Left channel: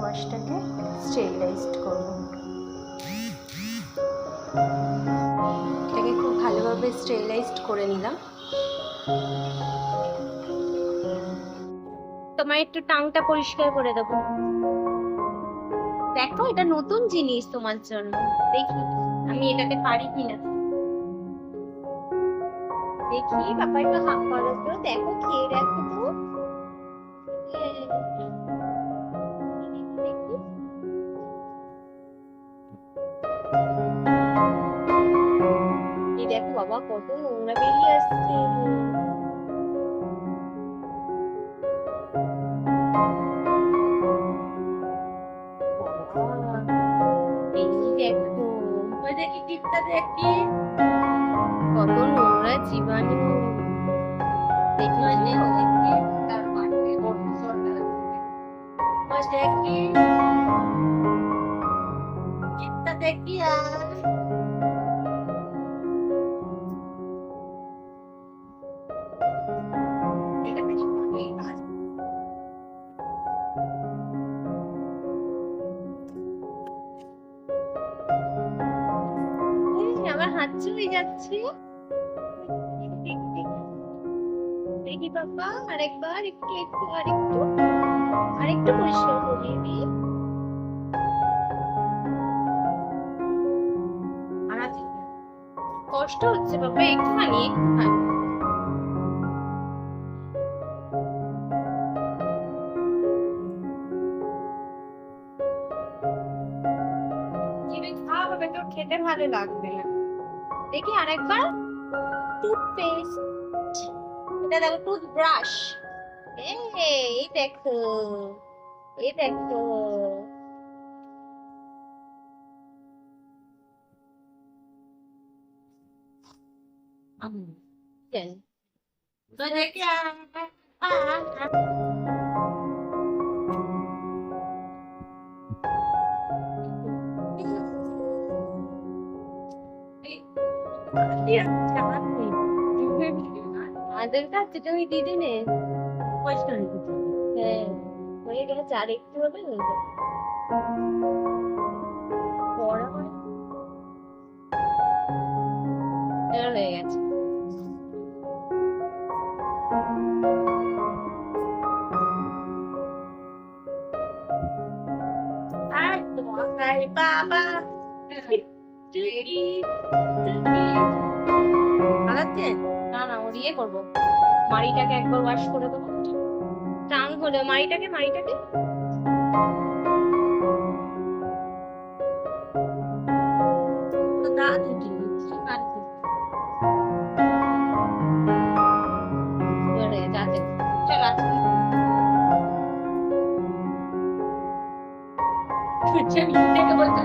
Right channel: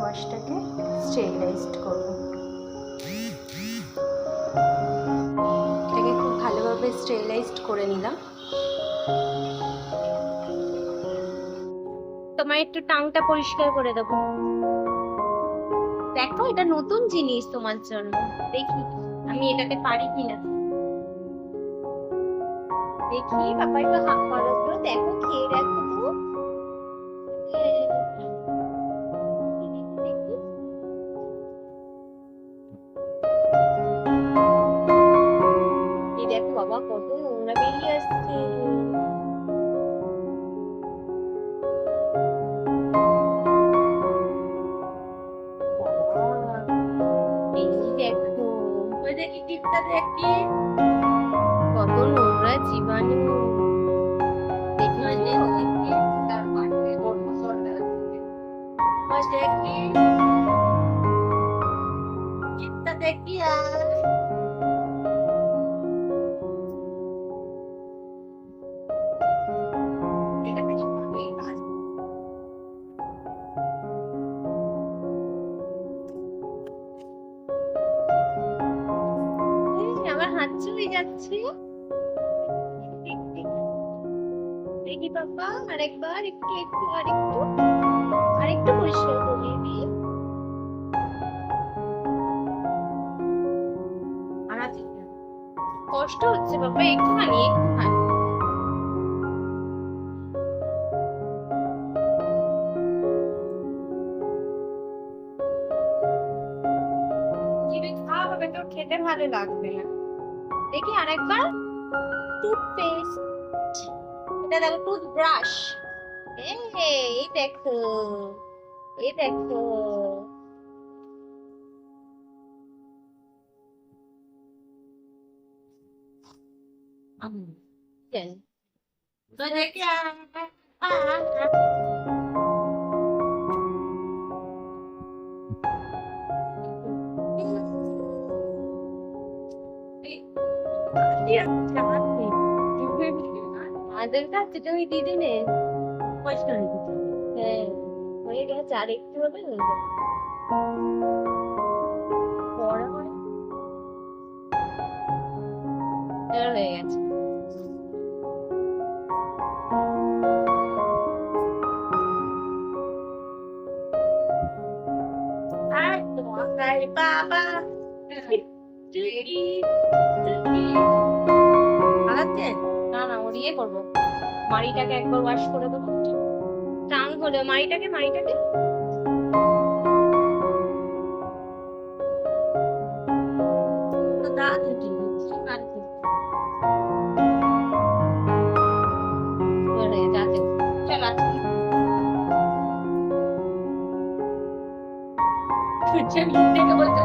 জিনিসটাকে স্টেরিলাইজড করব। এটাকে খুব ভালোভাবে স্টেরিলাইজড করে নিলাম। তোমার একটু টাংটা পরিষ্কার করে দেবো। দেখো, এটা নতুন জিনিস তোমার জন্য। দেখি, আমি এটাতে পারি কিনা। দেখি, বাবা একটু হাত করো দেখো, খেয়ে দেখো তো। দেখো বাবা কত নোংরা বেরিয়ে আসছে। দেখো টিপটা দেখি। কত নোংরা জীবাণু। দেখি তার পাশে দেখি। টিপটা দেখি আর হাত যাচ্ছে। দেখি বাবা আরেকবার একটু একটু, আরেকটু। আরেকটু পরিষ্কার করিয়ে দিই। কষ্ট হচ্ছে বাবা একটুখানি একটুখানি। খেতে ভালো লাগবে না। দেখি আরেকবার। টুথপেস্ট এটা দেখো টুথব্রাশ এই দেখো। এই দেখো। দেন তো দেখি আর আমাদের কাছে তুমি দিদি নে পয়সা হয়ে হ্যাঁ হবে হয়ে হয়ে গেছে তোমার ইয়ে করব। মাড়িটাকে একবার ওয়াশ করে দেবো। টাং হলো মাড়িটাকে মাড়িটাকে। তো দাদু দিচ্ছি আর কি এবার যাচ্ছে। চল আছে তুই মুখ থেকে বলতে